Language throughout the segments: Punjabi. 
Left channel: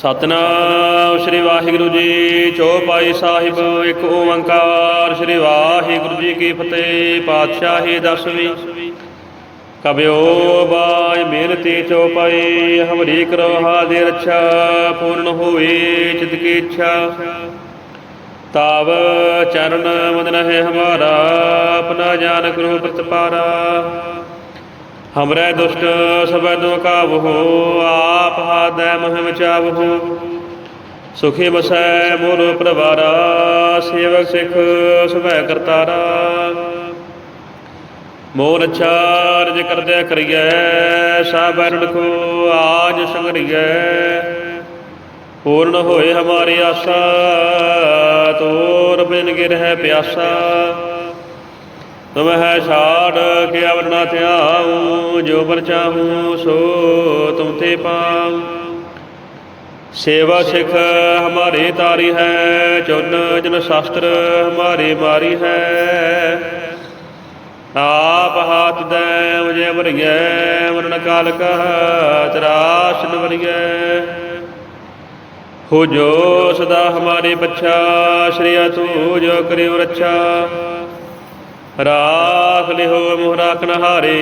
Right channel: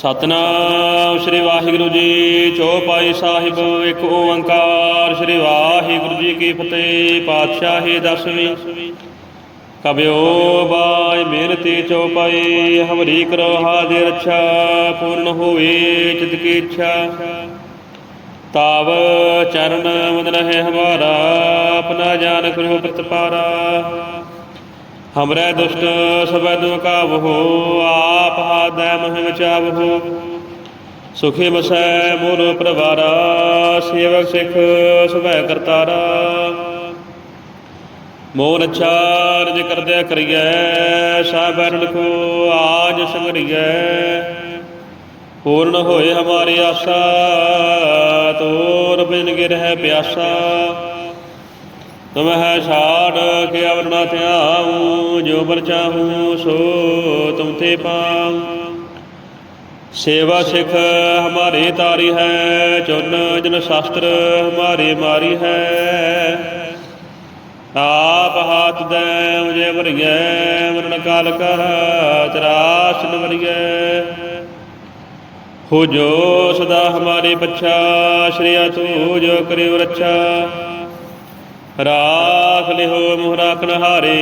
ਸਤਨਾਮ ਸ੍ਰੀ ਵਾਹਿਗੁਰੂ ਜੀ, ਚੌਪਾਈ ਸਾਹਿਬ, ਇੱਕ ਓੰਕਾਰ ਸ੍ਰੀ ਵਾਹਿਗੁਰੂ ਜੀ ਕੀ ਫਤਿਹ, ਪਾਤਸ਼ਾਹੀ ਦਸਵੀਂ। ਕਬਿਓ ਬਾਈ ਮਿਹਨਤੀ ਚੌਪਾਈ, ਹਮਰੀ ਕਰੋ ਹਾਦੇ ਰੱਛਾ, ਪੂਰਨ ਹੋਵੇ ਚਿਤ ਕੀ ਇੱਛਾ। ਤਾਵ ਚਰਨ ਮਦਨ ਹੈ ਹਮਾਰਾ, ਆਪਣਾ ਜਾਨ ਕਰੋ ਪ੍ਰਤਪਾਰਾ। ਹਮਰੇ ਦੁਸ਼ਟ ਸਬੈ ਦੁ ਕਾਬਹੋ ਆਪ ਹਾਦੈ ਮਹਿ ਵਿਚਾਵਹੋ। ਸੁਖੀ ਬਸੈ ਮੋਰ ਪ੍ਰਵਾਰਾ, ਸੇਵਕ ਸਿਖ ਸੁਭੈ ਕਰਤਾਰਾ। ਮੋਰ ਚਾਰਜ ਕਰਦਿਆ ਕਰੀਐ ਸਾਬਰਨ ਕੋ ਆਜ ਸੰਗਰੀਐ। ਪੂਰਨ ਹੋਏ ਹਮਾਰੀ ਆਸਾ, ਤੋਰ ਬਿਨ ਗਿਰਹਿ ਪਿਆਸਾ। ਤੁਮ ਹੈ ਛਾੜ ਕੇ ਅਵਰ ਨਾ ਧਿਆਉ ਜੋ ਬਰ ਚਾਹੂੰ ਸੋ ਤੁਮ ਤੇ ਪਾਉ। ਸੇਵਾ ਸਿਖ ਹਮਾਰੇ ਤਾਰੀ ਹੈ, ਚੁਨ ਜਨ ਸ਼ਾਸਤਰ ਹਮਾਰੇ ਮਾਰੀ ਹੈ। ਆਪ ਹਾਥ ਦੈ ਮੁਝੇ ਵਰਗੇ, ਮਰਨ ਕਾਲ ਕਾ ਤਰਾਸ਼ ਨ ਵਰਿਐ ਹੋ ਜੋ ਸਦਾ ਹਮਾਰੇ ਬੱਚਾ ਸ਼੍ਰੀ ਤੂ ਜੋ ਕਰਿਓ ਰੱਛਾ। ਰਾਖ ਲਿਹੋ ਮੋਹ ਰਾਖਨ ਹਾਰੇ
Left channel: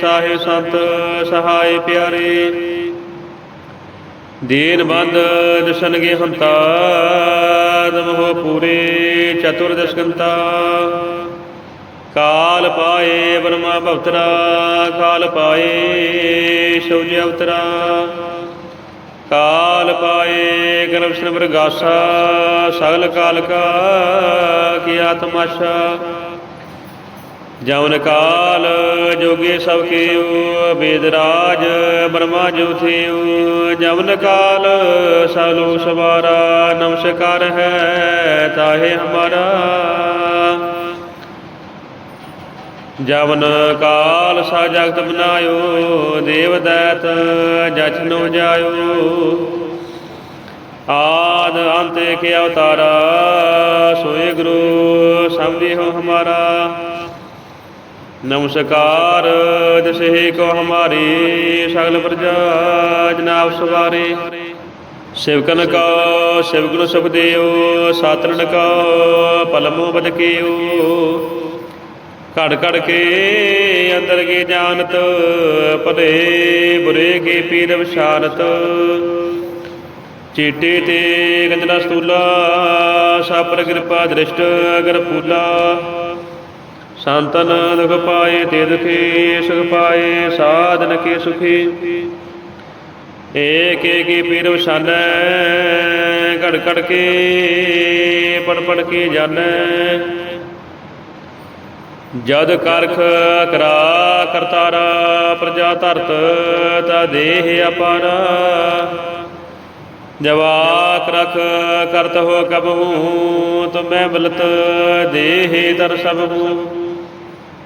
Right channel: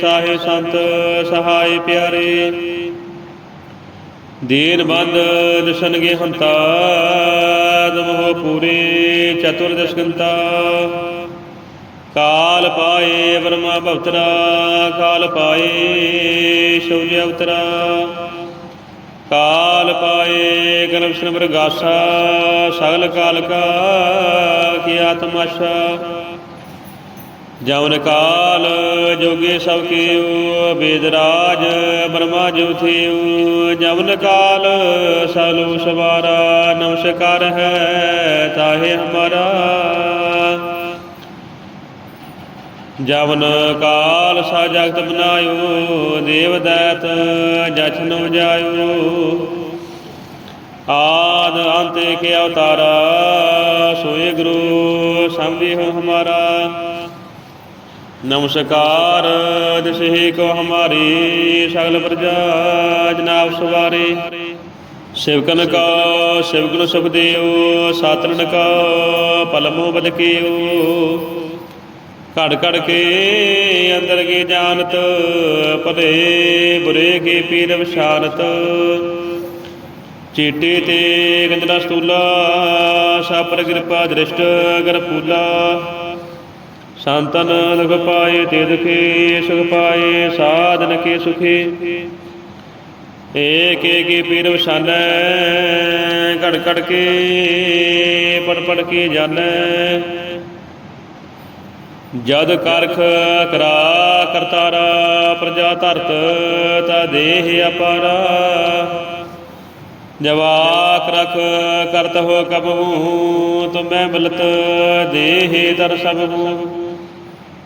ਸਾਹਿ ਸੰਤ ਸਹਾਇ ਪਿਆਰੇ। ਦੀਨ ਬੰਦ ਦਸਨਗੇ ਹੰਤਾ ਦਮੋ ਪੂਰੇ ਚਤੁਰ ਦਸਕੰਤਾ। ਕਾਲ ਪਾਏ ਬ੍ਰਹਮਾ ਭਵਤਰਾ, ਕਾਲ ਪਾਏ ਸੋਜੀ ਅਵਤਰਾ। ਕਾਲ ਪਾਏ ਗਰਭ ਸ਼ਨ ਸਗਲ ਕਾਲ ਕਾ ਕੀ ਆਤਮਾਸ਼ਾ। ਜਵਨ ਕਾਲ ਜੋਗੀ ਸਭ ਕੀਉ ਬੇਦ ਰਾਜ ਬ੍ਰਹਮਾ ਜੋ ਜਵਨ ਕਾਲ ਸਲੋ ਸਵਾਰਾ, ਨਮਸਕਾਰ ਹੈ ਤਾਹੇ ਹਮਾਰਾ। ਜਵਨ ਕਾਲ ਸਾ ਜਗਤ ਬਨਾਇਓ, ਦੇਵ ਦੈਤ ਜਛਨੋ ਜਾਇਓ। ਆਦ ਅੰਤ ਕੇ ਅਵਤਾਰਾ, ਸੋਏ ਗੁਰੂ ਸੰਭੀ ਹੋ ਹਮਾਰਾ। ਨਮਸਕਾਰ ਦਿਸੇ ਕੋ ਹਮਾਰੀ, ਸਗਲ ਪ੍ਰਜਾ ਜਨਾਬ ਸਵਾਰੇ। ਸਿਵਕਨ ਕਾ ਸਿਵਗੁਣ ਸੁਖ ਦੇਉ ਸਾਤਰਨ ਕਾ, ਪਲਮੋ ਬਦਕੇਉ ਘੜ ਘੜ ਕੇ ਅੰਦਰ ਕੀ ਜਾਣਤ ਭਲੇ ਬੁਰੇ ਕੀ ਪੀਰ ਵਿਸ਼ਾਰਤ। ਚੀਟੇ ਤੇ ਗੰਦਨਾ ਸਤੂਲਾ ਸਾਪਰ ਕਿਰਪਾ ਦ੍ਰਿਸ਼ਟ ਅਗਰ ਪੂਲਾ। ਸੰਤਨ ਦੁਖ ਪਾਏ ਤੇ ਦੁਖੀ, ਸੁਖ ਪਾਏ ਸਾਧਨ ਕੇ ਸੁਖੀ। ਏਕ ਏਕ ਹੀ ਪੀਰ ਵਸਾਨੈ ਘੜ ਘੜ ਕੇ, ਪੜ ਪੜ ਕੇ ਜਾਣੈ ਜਦ ਕਰਖ ਕਰਾ ਕਰਤਾਰਾ ਪ੍ਰਜਾ ਧਰਤ, ਤਾ ਦੇਹ ਅਪਾਰਾ। ਜਵਾਕ ਰਖ ਕਰਤ ਹੋ ਕਬਹੂ ਤੁਮੈ ਬਲਤ ਦੇਹ ਦਰ ਸਭੂ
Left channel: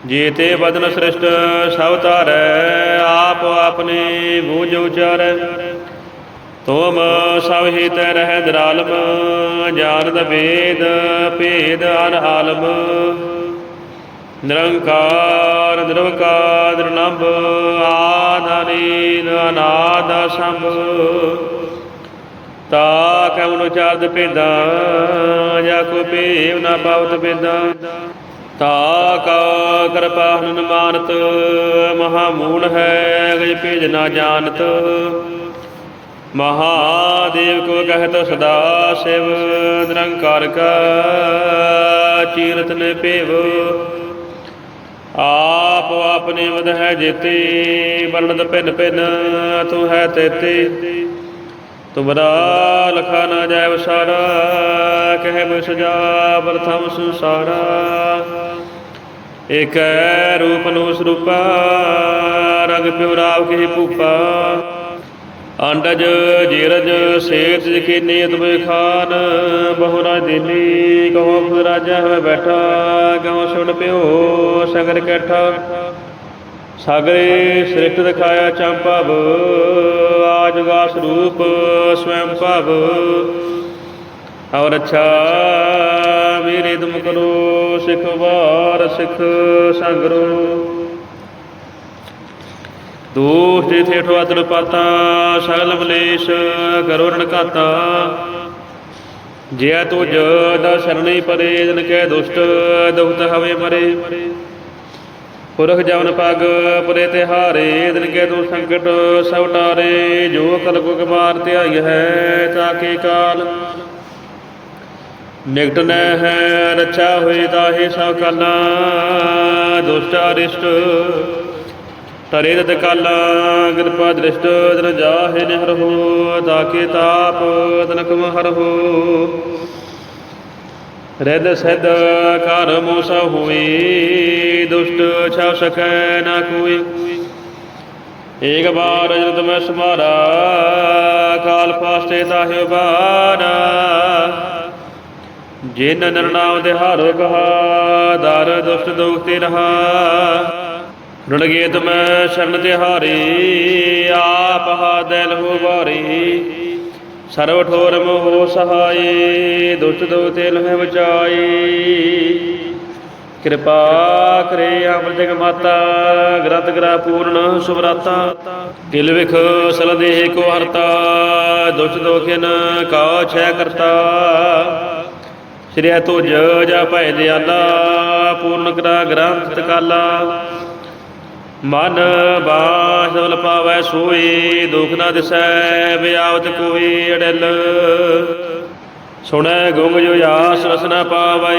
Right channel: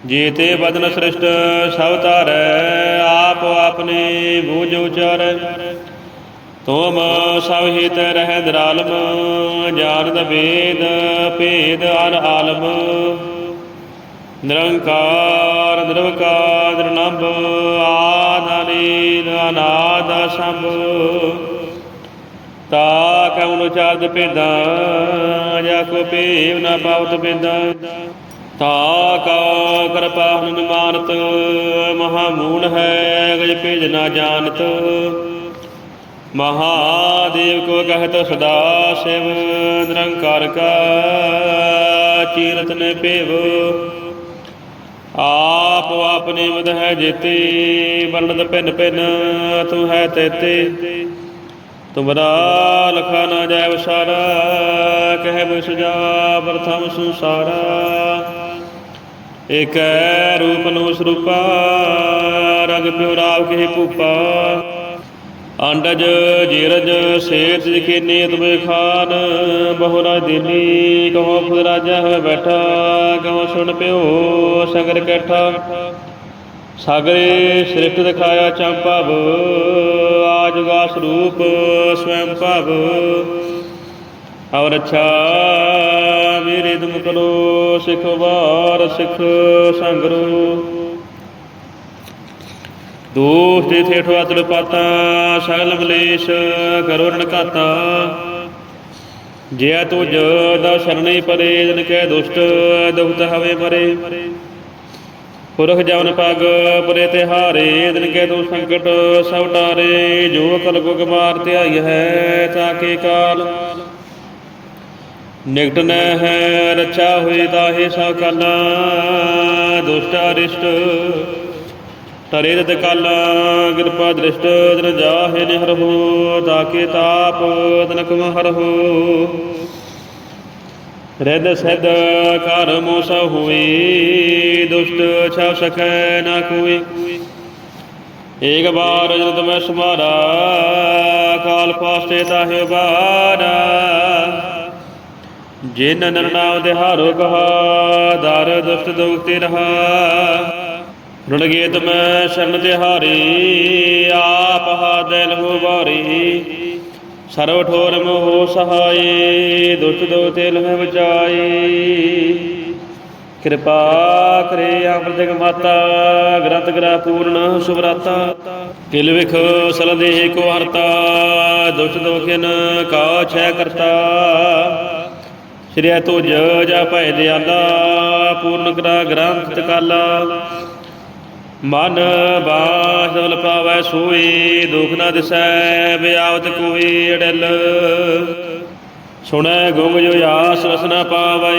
ਜੀਤੇ ਬਦਨ ਸ੍ਰਿਸ਼ਟ ਸਭ ਧਾਰੈ, ਆਪ ਆਪਨੇ ਬੂਝ ਉਚਾਰੈ। ਤੁਮ ਸਭ ਹੀ ਰਹਿ ਦਰਾਲਮ, ਜਾਣਦ ਵੇਦ ਭੇਦ ਅਨ ਆਲਮ। ਨਿਰੰਕਾਰ, ਨਿਰਵਕਾਰ ਨਿਰਨੰਬ ਆਦਾਨੀ ਅਨਾਦ ਸੰਭ ਤਾ ਕਉਨ ਚਾਰਦ ਭੇਦਾਂ, ਜਾ ਕੋ ਭੇਵ ਨਾ ਪਾਵਤ ਭੇਦਾਂ। ਤਾ ਕਾ ਕਿਰਪਾ ਹਨੁ ਮਾਨਤ ਮਹਾ ਮੂਲ ਹੈ ਗਜ ਭੇਜ ਨਾ ਜਾਣਤ ਮਹਾਦੇਵ ਕੋ ਕਹਤ ਸਦਾ ਸਿਵ, ਨਿਰੰਕਾਰ ਕਾ ਚੀਰਤ ਨੇ ਭੇਵ। ਆਪ ਆਪਨੇ ਮਦ ਹੈ ਜੇਤੇ ਵਰਣਤ ਭਿੰਨ ਭਿੰਨ, ਤੂੰ ਹੈ ਤੇਤੇ। ਤੁਮਰਾ ਲਖਾ ਨਾ ਜਾਇ ਵਸਾਰਾ ਕਹਿ ਬਿਸ ਜਾ ਪ੍ਰਥਮ ਸੰਸਾਰਾ। ਏਕੈ ਰੂਪ ਨੂੰ ਸਰੂਪਾ, ਰਗ ਪਿਉ ਰਾਵ ਕੀ ਭੂਪਾ। ਅੰਡਜ ਜੀਰਜ ਸੇਤ ਜਿਖੇ ਨੀਤ ਬੇ ਖਾਨ, ਬਹੁ ਰਾਜ ਦੇਲੀ, ਕਹੋ ਖੁਦ ਰਾਜਾ ਹੋਵੇ ਬੈਠਾ, ਕਹੋ ਸੁਣ ਪਿਓ ਸਗਰ ਕੈਠਾ। ਸਾਗਰੇ ਸ੍ਰਿਸ਼ਟ ਦਿਖਾਇਆ ਚੰਪਾਵ ਆਜਗਾ ਸਰੂਪ ਸਵੈੰ ਭਵ। ਔਰ ਅੱਛਾ, ਮੇਰੇ ਤੁਮ ਕਰੋ ਸਿਖ ਵਾਰ ਸਿਖ ਸੰਗਰੋ ਦੋਸ਼ ਦੇ ਥੇਠੋ ਅਤਲ ਪਾਤਾ, ਸਗਲ ਮਲੇਸ਼ ਕਰੋ ਰਣ ਘਾਤਾ ਜਿਆ ਤੁਜ ਦਾ ਸ਼ਰਣੀ ਪਰੇ, ਜਨ ਕੈ ਦੁਸ਼ਟ ਦੁਖਤ ਹਵੇ ਮਰੇ। ਪੁਰਖ ਜਵਨ ਪਗ ਪੁਰੇ ਤੇ ਹਾਰੇ ਦਿਨ ਕੇ ਤੂੰ ਸੰਕਟ ਸਭ ਟਾਰੇ ਜੋ ਕਲ ਕੋ ਗਮਾਰ ਧਿਆਈ ਹੈ ਤਾਕੇ ਕਾਲ? ਨਿਕਟ ਨ ਹੈ, ਰੱਛਾ ਹੋਈ ਤਾਹੇ ਸਭ ਕਾਲਾ, ਦੁਸ਼ਟਾ ਰਿਸ਼ਟ ਤਰੇ ਰਤ ਕਾਲਾ ਕਿਰਪਾ ਦ੍ਰਿਸ਼ਟ ਤਨ ਜਾਹੇ ਨਿਹਰ ਤਾਕੇ ਤਾਪ ਤਨਕ ਮਹਰ ਹੋ। ਰਿਦ ਸਿਧ ਕਰ ਮੋਸ ਹੋਈ, ਦੁਸ਼ਟ ਛਾ ਸਕੈ ਨਾ ਕੋਈ। ਏਕ ਬਾਰ ਜਦ ਮੈਂ ਸਮਾਰਾ ਕਾਲ ਪਾਸਤੇ ਤਾਹਿ ਬਾਰਾ ਜਿਨ ਨਰਨਾਮ ਦੇ ਹਾਰੋ ਕਹਾ ਦਰ ਦੁਸ਼ਟ ਦੁਖਤੇ ਰਹਾ। ਰੁਣ ਗੇ ਤੁਮ ਸ਼ਰਨ ਤੇ ਆਪ ਹਾ ਦਿਲ ਹੋ ਸਰਵ ਠੋਰ ਮੋਹ ਸਹਾਈ, ਦੁਸ਼ਟ ਦੋ ਤੇ ਲਹਿ ਬਚਾਈ। ਕਿਰਪਾ ਕਰੇ ਅੰਮ੍ਰਿਤਕ ਮਾਤਾ ਗ੍ਰੰਥ ਗ੍ਰਹ ਪੂਰਨ ਸੁਭਰਾਤਾ ਕਿਲ ਵਿਖ ਸਲ ਦੇਹ ਕੋ ਹਰਤਾ, ਦੁਸ਼ਟ ਦੋ ਕਾ ਛੈ ਕਰਤਾ। ਸ੍ਰੀ ਤੁਜ ਜਾ ਭੈ ਦਿਆਲਾ, ਪੂਰਨ ਗ੍ਰਹ ਗ੍ਰੰਥ ਕਾਲਾ। ਮਨ ਬਾਸਲ ਪਾਵੈ ਸੋਈ, ਦੁਖ ਨਾ ਦਿਸੈ ਵਿਆਵਤ ਕੋਈ ਅੜਲ। ਸੁਣੈ ਗੁੰਗ ਜੋ ਆਸ ਵਸ ਨ ਪਾਵੈ,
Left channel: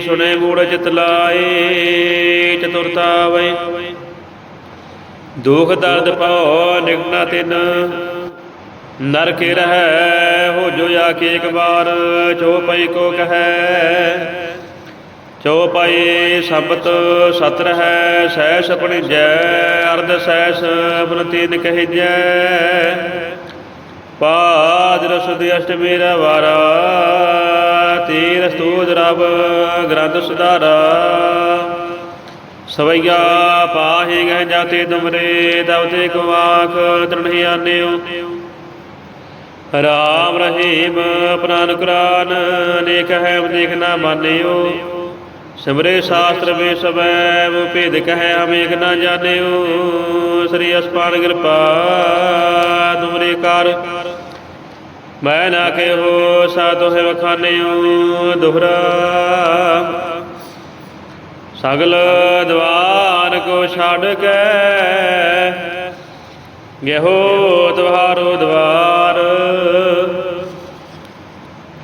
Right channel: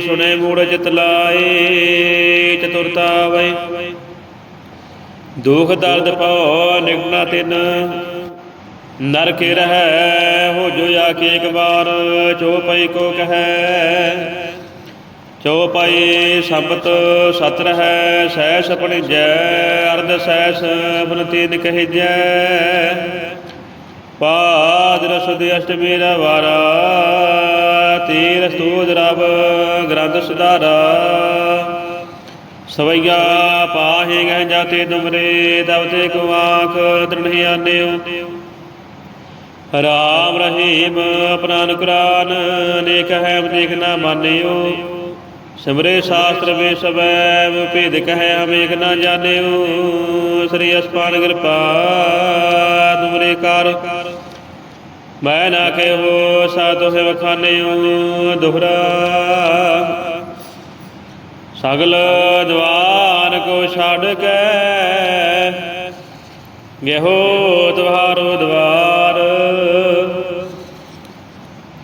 ਸੁਣੈ ਮੂੜ ਚਿਤ ਲਾਏ, ਚਤੁਰਤਾ ਵੈ। ਦੁਖ ਦਰਦ ਪਾਉ ਨਿਗਨਾ ਤਿਨ, ਨਰਕ ਰਹੈ, ਹੋ ਜੋ ਆ ਕੇ ਇੱਕ ਵਾਰ ਚੋਪਈ ਕੋ ਕਹੈ। ਚਉਪਾਈ ਸ਼ਬਦ ਸਤ ਰਹੈ ਸਹਿ ਸਪਣ ਜੈ ਅਰਧ ਸਹਿ ਸਪਨ ਤੀਨ ਕਹਿ ਜੈ ਪਾਦ ਰਸ ਦੀ ਅਸ਼ਟਮੀ ਰਵਾਰਾ ਤੀਰ ਸਤੂਦ ਰਬ ਗ੍ਰੰਥ ਸੁਧਾਰਾ। ਸਵਈਆ ਪਾਹੇ ਗਏ ਜਾਤੇ ਤੁਮਰੇ ਤਬ ਤੇ ਕੋ ਆਖ ਆਨਿਓ ਰਾਮ ਰਹੀਮ ਪ੍ਰਾਨ ਕੁਰਾਨ, ਨੇਕ ਹੈ ਦੇਖ ਨਾ ਮਾਨਿਓ। ਸਿਮਰੇ ਸ਼ਾਸਤਰ ਵੇ ਸਬੈ ਭੇਦ ਕਹਿ ਅਮੇਕ ਨਾ ਜਾਣਿਓ। ਸ੍ਰੀ ਅਸਪਾਨ ਕਿਰਪਾ, ਤੁਮਰੇ ਕਰ। ਮੈਂ ਨਾ ਕਹਿਓ ਸਾ ਤੋਹਿ ਵਖਾਨਿਓ ਦੁਹਰਾ। ਸਗਲ ਦਵਾਰ ਕੋ ਛੱਡ ਕੇ, ਗਹਿਓ ਤੁਹਾਰੋ ਦਵਾਰ।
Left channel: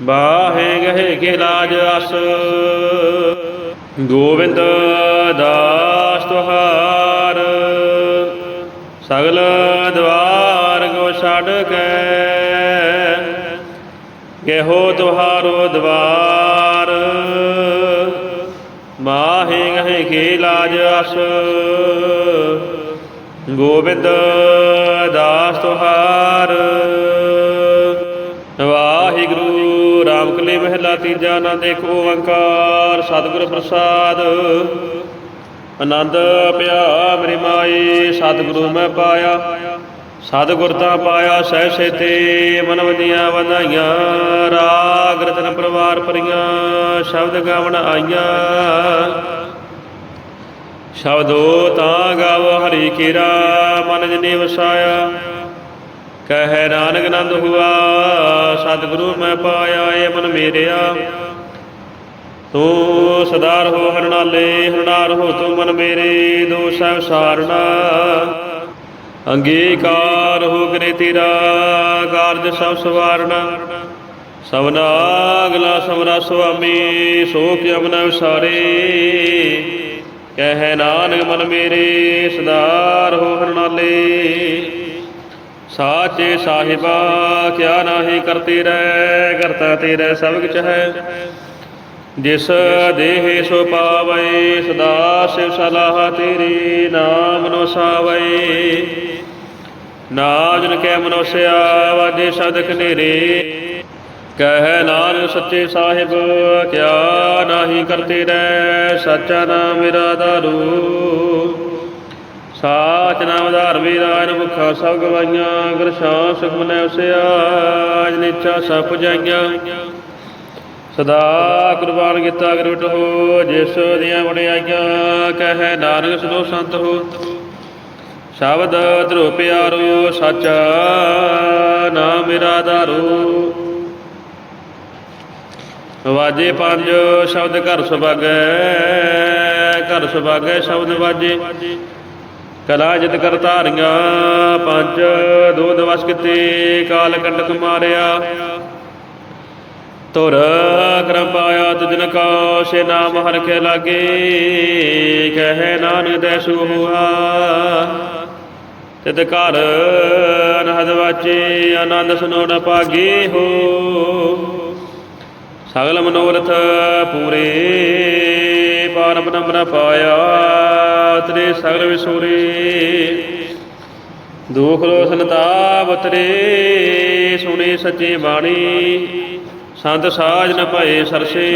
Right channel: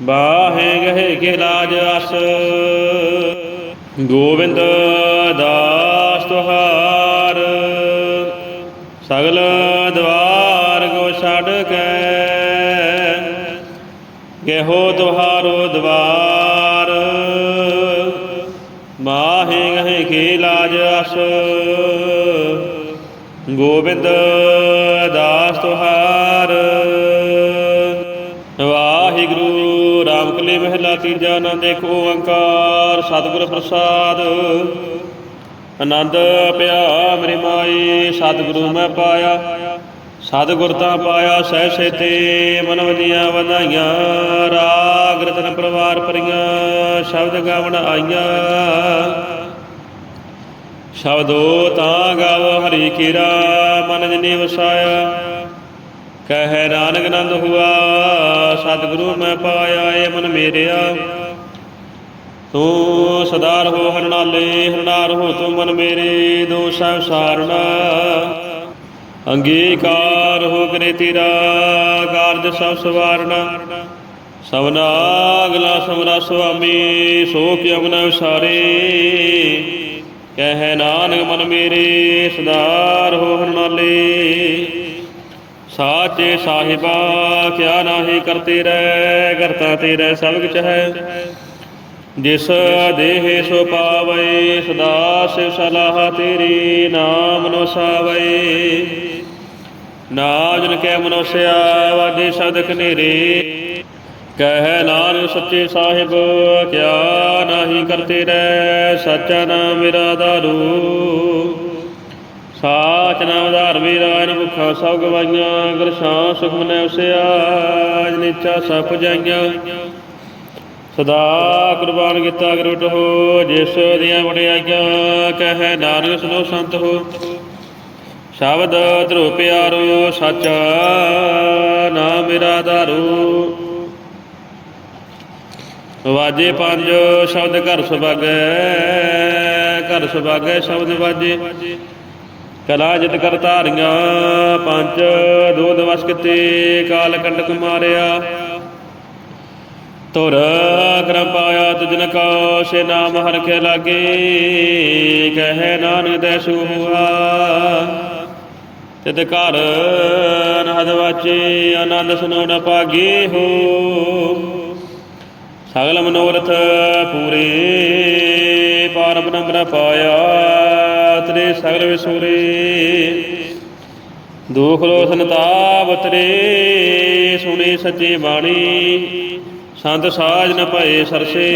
ਬਾਹੇ ਗਹਿ ਕੇ ਲਾਜ ਅਸ। ਗੋਬਿੰਦ ਦਾਸ ਤੁਹਾਰ ਸਗਲ ਦਵਾਰ ਕੋ ਛੱਡ ਕੇ ਗਹਿਓ ਤੁਹਾਰੋ ਦਵਾਰ। ਮਾਹੇ ਗਹਿ ਕੇ ਲਾਜ ਅਸ। ਗੋਬਿੰਦ ਦਾਸ ਤੁਹਾਰ ਕਲੀ ਮਹਿਲਾ ਤੀਜਾ ਆਨੰਦ ਏਕ ਓੰਕਾਰ, ਸਤਿਗੁਰ ਪ੍ਰਸਾਦ। ਆਨੰਦ ਪਿਆ ਮੇਰੀ ਮਾਈ, ਸਤਿਗੁਰੂ ਮੈਂ ਪਾਇਆ। ਸਤਿਗੁਰ ਤਾਂ ਪਾਇਆ, ਸਹਿ ਸੇਤੇ ਮਨ ਵਨੀਆਂ ਵਧਾਈਆਂ। ਰਾਗ ਰਤਨ ਪਰਵਾਰ ਪਰੀਆਂ ਸ਼ਬਦ ਗਾਵਣ ਆਈਆਂ। ਸ਼ਬਦੋ ਤਾਂ ਗਾਵ, ਹਰੀ ਕੀਰਾ, ਮਨ ਜਨੇ ਵਸਾਇਆ। ਕਹਿ ਨਾਨਕ ਨੰਦ ਹੁਆ, ਸਤਿਗੁਰੂ ਮੈਂ ਪਾਇਆ ਏ ਮਨ ਮੇਰਿਆ। ਤੂੰ ਸਦਾਰ ਹੋ ਹਰਨਾਲੇ, ਹਰਨਾਰ ਹੋ ਤੂੰ ਮਨ ਮੇਰੇ ਦੋਸੈ ਸਾਰਣਾ ਅੰਗੀਕਾਰ ਹੋ ਕਰੇ ਤੇਰਾ, ਕਾਰਜ ਸਭ ਸਵਾਰਣਾ ਸਭਨਾ ਅਗਲਾ ਸਮਰਾ ਸੁਆਮੀ, ਸੋ ਕਿਉ ਅਮਨ ਵਿਸਾਰੇ ਕਹਿ ਨਾਨਕ ਮਨ ਮੇਰੇ, ਸਦਾਰ ਹੋ ਹਰਨਾਲੇ। ਸਾਚੇ ਸਾਹਿਬਾ, ਕਿਆ ਨਾਹੀ ਕਰਤੇ ਰਹਿ, ਕਰਤਾ ਤੇਰਾ ਸਭ ਕੁਛ ਹੈ। ਜਿਸ ਦੇਹ ਸੋ ਪਾਵੈ, ਸਦਾ ਸਿਵ ਸਲਾਹ ਤੇਰੀ ਨਾਮ ਨੋ ਸਾਵੈ। ਨਾਮ ਜਨ ਕੈ ਮਨੁਸਿਆ ਵਾਜੇ ਸਦਕ ਨੇਰੇ, ਕਹਿ ਨਾਨਕ ਸੱਚੇ ਸਾਹਿਬ, ਕਿਆ ਨਾਹੀ ਕਰਤੇ ਰਹਿ, ਸੱਚਾ ਨਾਮ ਮੇਰਾ ਦਾਰੂ। ਸਾਚ ਨਾਮ ਧਾਰ ਵੀਰਾਨ ਭੁੱਖਾ ਸਭ ਗਵਾਈਆਂ ਗੁਰ ਸ਼ਾਂ ਸੁਖ ਉਸਿਆ ਨਿਚਾ ਸਭ ਪੁਜਾਈਆਂ। ਸਦਾ ਕੁਰਬਾਨ ਕੀਤਾ ਗੁਰਟ ਹੋ ਜਿਸ ਦੀਆਂ ਵਡਿਆਈਆਂ ਕਹੈ ਨਾਨਕ ਸੁਨੋ ਸੰਤ ਹੋ। ਸ਼ਬਦ ਧਰੋ ਪਿਆਰੋ, ਸੱਚਾ ਨਾਮ ਮੇਰਾ ਧਾਰੂ। ਵਾਜੇ ਪੰਜ, ਸ਼ਬਦ ਘਰ ਸੁਭਾਗੈ ਘਰ ਸੁਭਾਗੈ, ਸ਼ਬਦ ਵਾਜੇ। ਕਲਾ ਜਿਤ ਕਰ ਧਾਰੀਆਂ, ਪੰਜ ਦੋ ਦਿਵਸ ਕਿਤੇ, ਕਾਲ ਕੰਡਕ ਮਾਰਿਆ। ਤੁਰ ਕਰਮ ਪਾਇਆ ਤਿਜਨ ਕਾ ਸੇ ਨਾਮ ਹਰ ਕੇ ਲਾਗੇ, ਕਹੇ ਨਾਨਕ ਦੇਸੂ ਹੁਆ ਤਿਤ ਘਰ ਅਨਹਦ ਵਾਚੇ, ਆਨੰਦ ਸੁਨੋ ਨ ਪਾਗੇ ਹੋ। ਸਗਲ ਮਨੋਰਥ ਪੂਰੇ, ਪਾਰਮ ਨੰਬਰ ਪਾਇਆ। ਤੇਰੇ ਸਗਲ ਵਿਸੂਰੇ ਦੁਖ ਰੋ ਸੰਤਾਪ ਤੇਰੇ ਸੁਣੀ ਸੱਚੀ ਬਾਣੀ। ਸੰਤ ਸਾਜ ਨ ਭਏ ਸਰਸੇ,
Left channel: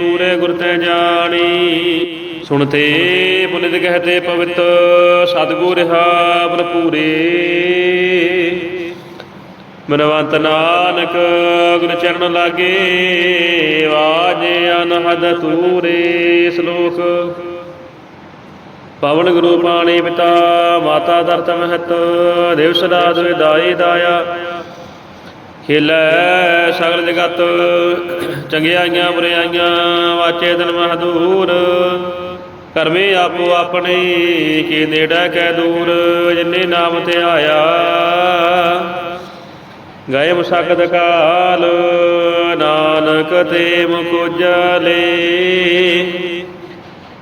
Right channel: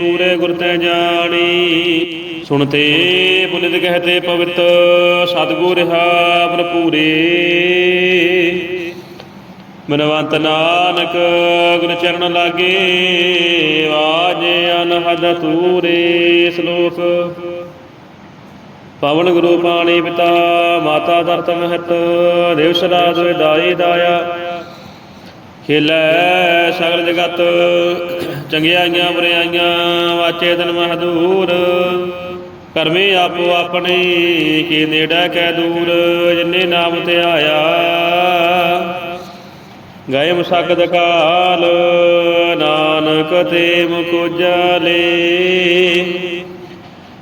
ਪੂਰੇ ਗੁਰ ਤੇ ਜਾਣੀ। ਸੁਣਤੇ ਪੁਨਿਤ ਕਹਤੇ ਪਵਿੱਤ, ਸਤਿਗੁਰ ਰਹਾ ਭਰਪੂਰੇ। ਮਨਵੰਤ ਨਾਨਕ ਗੁਰ ਚਰਨ ਲਾਗੇ ਵਾਜੇ ਅਨਹਦ ਤੂਰੇ ਸ਼ਲੋਕ। ਪਵਨ ਗੁਰੂ ਪਾਣੀ ਪਿਤਾ, ਮਾਤਾ ਦਰਤ ਮਹਤ, ਦੇਵ ਸਦਾ ਦੁਇ ਦਾਈ ਦਾਇਆ। ਖੇਲੈ ਸਗਲ ਜਗਤ ਚੰਗਿਆਈਆਂ ਬੁਰਿਆਈਆਂ ਵਾਚੇ ਦਿਨ ਮਹਦੂਰ। ਕਰਮੇ ਆਪੋ ਆਪਣੇ, ਕੀ ਨੇੜਾ ਕੈ ਦੂਰ, ਜਿਨੇ ਨਾਮ ਤੇ ਆਇਆ। ਗਏ ਮੁਸਕਦ ਕਾਲ, ਨਾਨਕ ਤੇ ਮੁਕੁਜਲੇ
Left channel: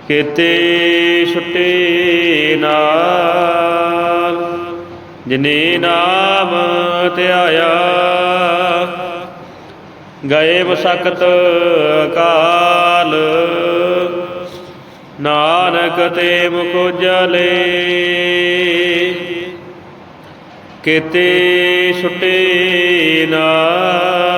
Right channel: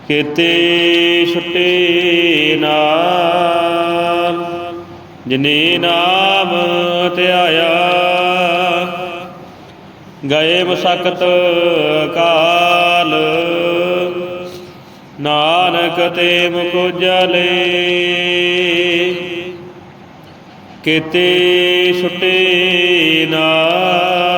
ਕੀਤੇ ਛੁੱਟੇ ਨਾਲ। ਜਿਨੇ ਨਾਮ ਧਿਆਇਆ ਗਏ ਮਸਕਤ ਕਾਲ ਨਾਨਕ ਤੇ ਮੁਕੁਜਲੇ ਕਿਤੇ ਛੁੱਟੇ ਨਾਲ